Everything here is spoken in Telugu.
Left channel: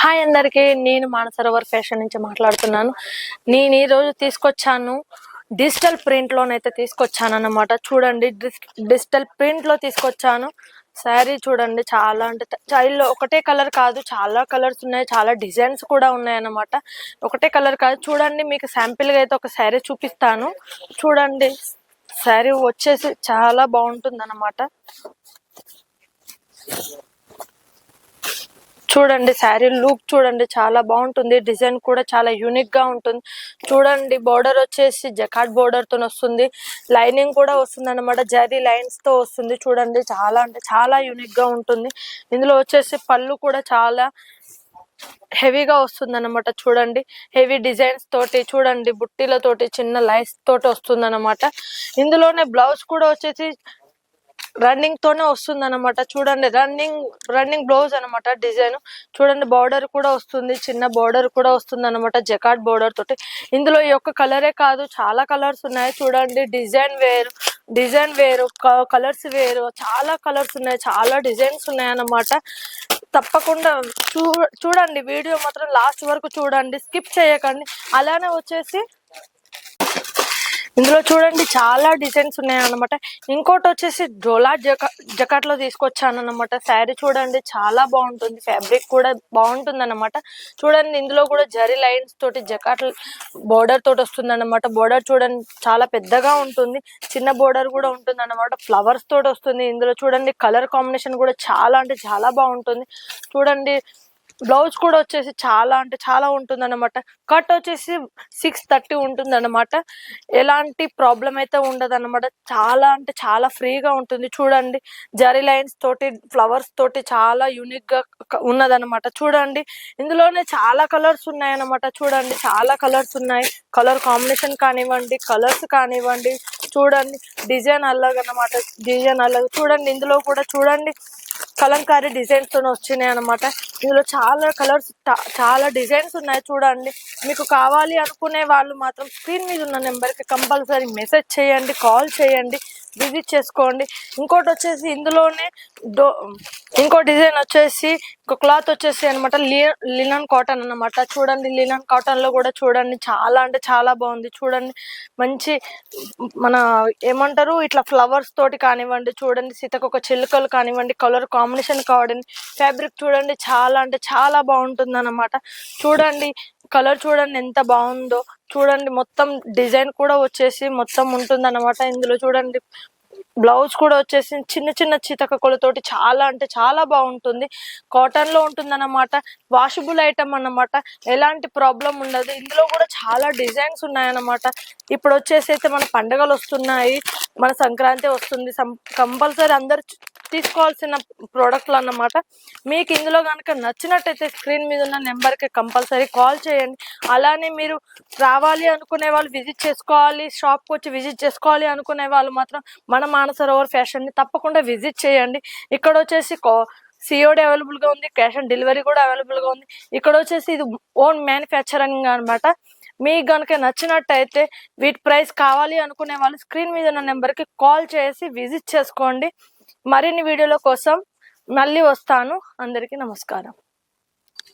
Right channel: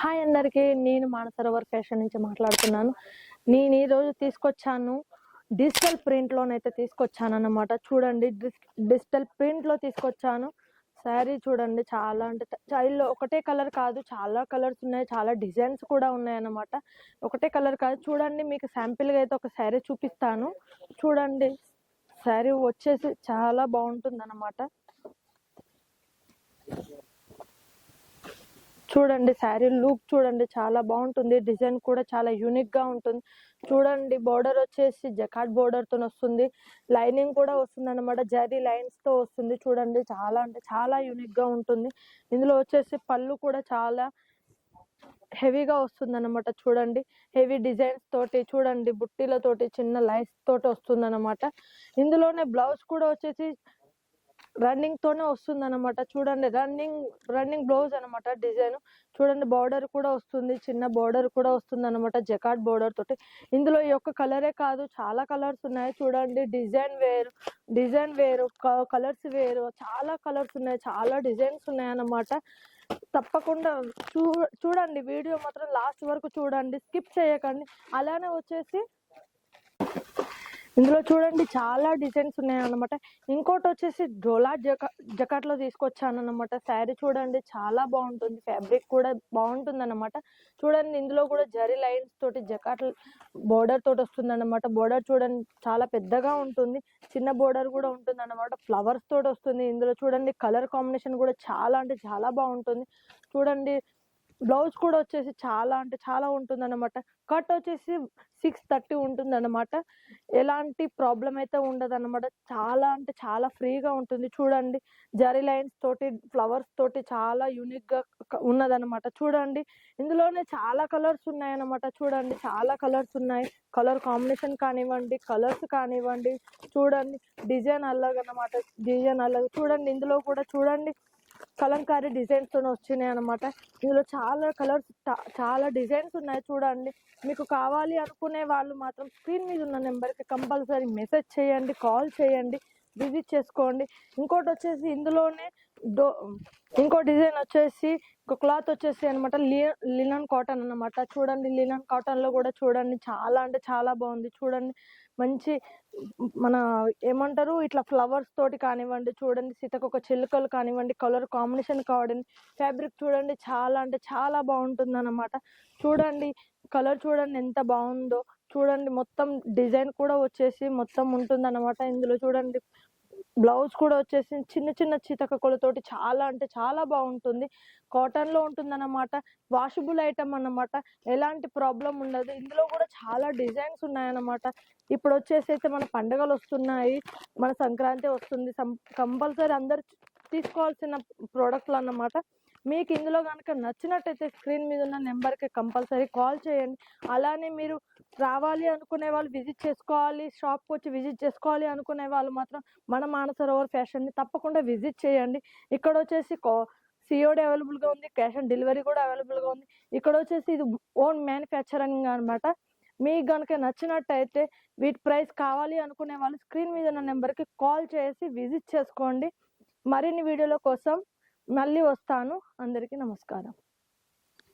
హాయ్ అందరికి, నేను మానసరోవర్ ఫ్యాషన్ నుంచి మాట్లాడుతున్నాను. నేను ఈరోజు తీసుకొచ్చాను డిజిటల్ ప్రింట్ లోనైతే తీసుకొచ్చాను అన్నమాట. చూడండి, డిజిటల్ ప్రింట్ లో తీసుకొచ్చాను. శారీ చూడండి, చాలా అంటే చైల్డ్లో ఒకటే కలర్ కాదు, చాలా కలర్స్ ఉన్నాయి, చాలా డిజైన్స్ కూడా ఉన్నాయి అన్నమాట. ఒకటే కలర్ కాదు, చూడండి మీకు శాంపిల్గా అయితే ఒక శారీ చూపిస్తాను. చూడండి, శారీ వచ్చేసి చాలా బాగుంటుంది అన్నమాట. చూడండి, శారీ లుక్ చూడండి, చాలా బాగుంటుంది. డిజైన్ కూడా చాలా యూనిక్ గా ఉంటుంది. చూడండి, బోర్డర్ వచ్చేసి జకాట్ బోర్డర్ తో వస్తుంది. లైనింగ్ కూడా వస్తుంది అనమాట, జరీ లైన్స్ తో వస్తుంది. చూడండి, చాలా అంటే చాలా యూనిక్ గా ఉంటుంది. ఇందులో వచ్చేసి పళ్ళు కూడా చాలా హెవీగా వస్తుంది అనమాట. చూడండి, హెవీ డిజైన్స్ తోటి, చూడండి బుట్టీలతోటి చిన్న లైన్స్ తోటి వస్తుంది అనమాట. ఇందులోనే బ్లౌజ్ కూడా వచ్చేసి రన్నింగ్ తోనే వస్తుంది అనమాట. చూడండి, రన్నింగ్ బ్లౌజ్ అనమాట. డిజైన్ చూడండి, బార్డర్ కూడా వస్తుంది, చిన్న బార్డర్ కూడా వస్తుంది అనమాట, జకాట్ బార్డర్ తోటి. ఇందులో ఈ ఒక్క కలరే కాదు, చాలా కలర్స్ ఉన్నాయి. చూడండి, డిజైన్ వేరు, కలర్స్ వేరు, చాలా కలర్స్ ఉన్నాయి, చాలా డిజైన్స్ ఉన్నాయి అన్నమాట. తప్పకుండా చూడండి, వీడియో మాత్రం లాస్ట్ వరకు చూడండి, స్కిప్ చేయకండి. అలానే వచ్చేసి ఇందులో చూడండి, చాలా డిజైన్స్ ఉన్నాయి అన్నమాట. ఇంకోటి వచ్చేసి డోలా జకాట్ లో తీసుకొచ్చాను అన్నమాట. శారీ చూడండి, చాలా బాగుంటుంది, ఫ్యాబ్రిక్ కూడా బాగుంటుంది అన్నమాట. చూడండి, ఇందులో కూడా జరీ లైన్స్ తోటి జకాట్ బోర్డర్ తోటి వస్తుంది అన్నమాట. బోర్డర్ చూడండి, చాలా పెద్దగా ఉంటుంది, చిన్న బోర్డర్ కూడా ఉంటుంది అన్నమాట. ఫ్లవర్స్ తోటి వస్తుంది. ఇందులో చూడండి, కలర్ కాంబినేషన్ కూడా చాలా అంటే చాలా బాగుంటుంది. చూడండి, బ్లౌజ్ కూడా వచ్చేసి చాలా అంటే చాలా ఉంటుంది అనమాట. కట్ వచ్చేసి 630 ఉంటుంది అనమాట. ఎలాంటి ప్రాబ్లం అయితే ఉండదు అనమాట. చాలా అంటే చాలా ఫ్రీగా ఉంటుంది. చూడండి, జరీ లైన్స్ తోటి, ఫ్లవర్స్ తోటి చాలా యూనిక్ గా ఉన్నదనమాట. చూడండి, ఇందులోనే చాలా కలర్స్ ఉన్నాయన్నమాట. చూడండి, చాలా కలర్స్ ఉన్నాయి. కలర్ కాంబినేషన్ కానివ్వండి, కలర్స్ కానివ్వండి, చూడండి డిజైన్ అల్లగనమాట. డిజైన్ అల్లగ చూడండి, ఇందులో కూడా చూడండి కలంకారీ డిజైన్స్ తో వచ్చినాయి అనమాట. ఇందులో చాలా కలర్స్, చాలా డిజైన్స్ ఉన్నాయి. చూడండి, మీకు కావాలి అనుకునే వాళ్ళు మాత్రం స్క్రీన్ మీద ఉన్న నెంబర్కి కంపల్సరీ మెసేజ్ చేయండి, కాల్ చేయండి, విజిట్ చేసుకోండి. ఇంకోటి వచ్చేసి ఇందులోనే ఇంకో డిజైన్ వచ్చేసి క్లాత్ వచ్చేసి అనమాట లినన్ కాటన్ అన్నమాట. చూడండి, లినన్ కాటన్ లో కూడా చూడండి, చాలా అంటే చాలా బాగుంది. చూడండి, మంచి మన ఏమంటారు, ఇట్లా ఫ్లవర్స్ తోటి కానివ్వండి, చూడండి సీతకొక చిలుకలు కానివ్వండి, కలర్ కాంబినేషన్ కావడం, ఫ్యాబ్రిక్ చూడండి, చాలా అంటే చాలా బాగుంటుంది అన్నమాట. చూడండి, కలర్ చూడండి ఎంత బాగుందో. చూడండి, మొత్తం డిజైన్ కూడా వచ్చేసి మొత్తం ఉంటుంది అన్నమాట. ఇందులో చూడండి, బ్లౌజ్ కూడా వచ్చేసి చిన్న చిన్న చితకలతోటి చాలా అంటే చాలా బాగుంటుంది. కాటన్ లో ఉంటుంది అన్నమాట. వాషబుల్ ఐటమ్ అన్నమాట, ఎలాంటి ప్రాబ్లం ఉండదు. ఇందులో కూడా చాలా డిజైన్స్ ఉన్నాయన్నమాట. ఇప్పుడు వచ్చేసి అయితే మన పండుగలు వస్తున్నాయి, మన సంక్రాంతి వస్తుంది. కంపల్సరీ అందరు తీసుకోవాల్సిన ప్రోడక్ట్లు అన్నమాట. మీకు ఇందులో కనుక నచ్చినట్టయితే స్క్రీన్ మీద ఉన్న నెంబర్కి కంపల్సరీ కాల్ చేయండి. అలానే మీరు రావాలి అనుకునే వాళ్ళు, విజిట్ చేసుకోవాలి, షాప్కి వచ్చి విజిట్ చేసుకోవాలి అనుకునే వాళ్ళు మాత్రం మన మానసరోవర్ ఫ్యాషన్ని తప్పకుండా విజిట్ చేయండి. ఇక్కడ వచ్చేసి సిఓడి అవైలబుల్గా ఉంది, క్యాష్ ఆన్ డెలివరీ కూడా అవైలబుల్గా ఉంది. ఇక్కడ వచ్చేసి ఇది ఓన్ మ్యానుఫ్యాక్చరింగ్ అనమాట. మీకు కనుక నచ్చినట్టయితే వీటి ప్రైస్ కావాలి అనుకునే వాళ్ళు స్క్రీన్ మీద ఉన్న నెంబర్కి కాల్ చేసి విజిట్ చేసుకోండి. మరిన్ని వీడియోల కోసం మళ్ళీ వస్తాను. అందరికీ నమస్కారం.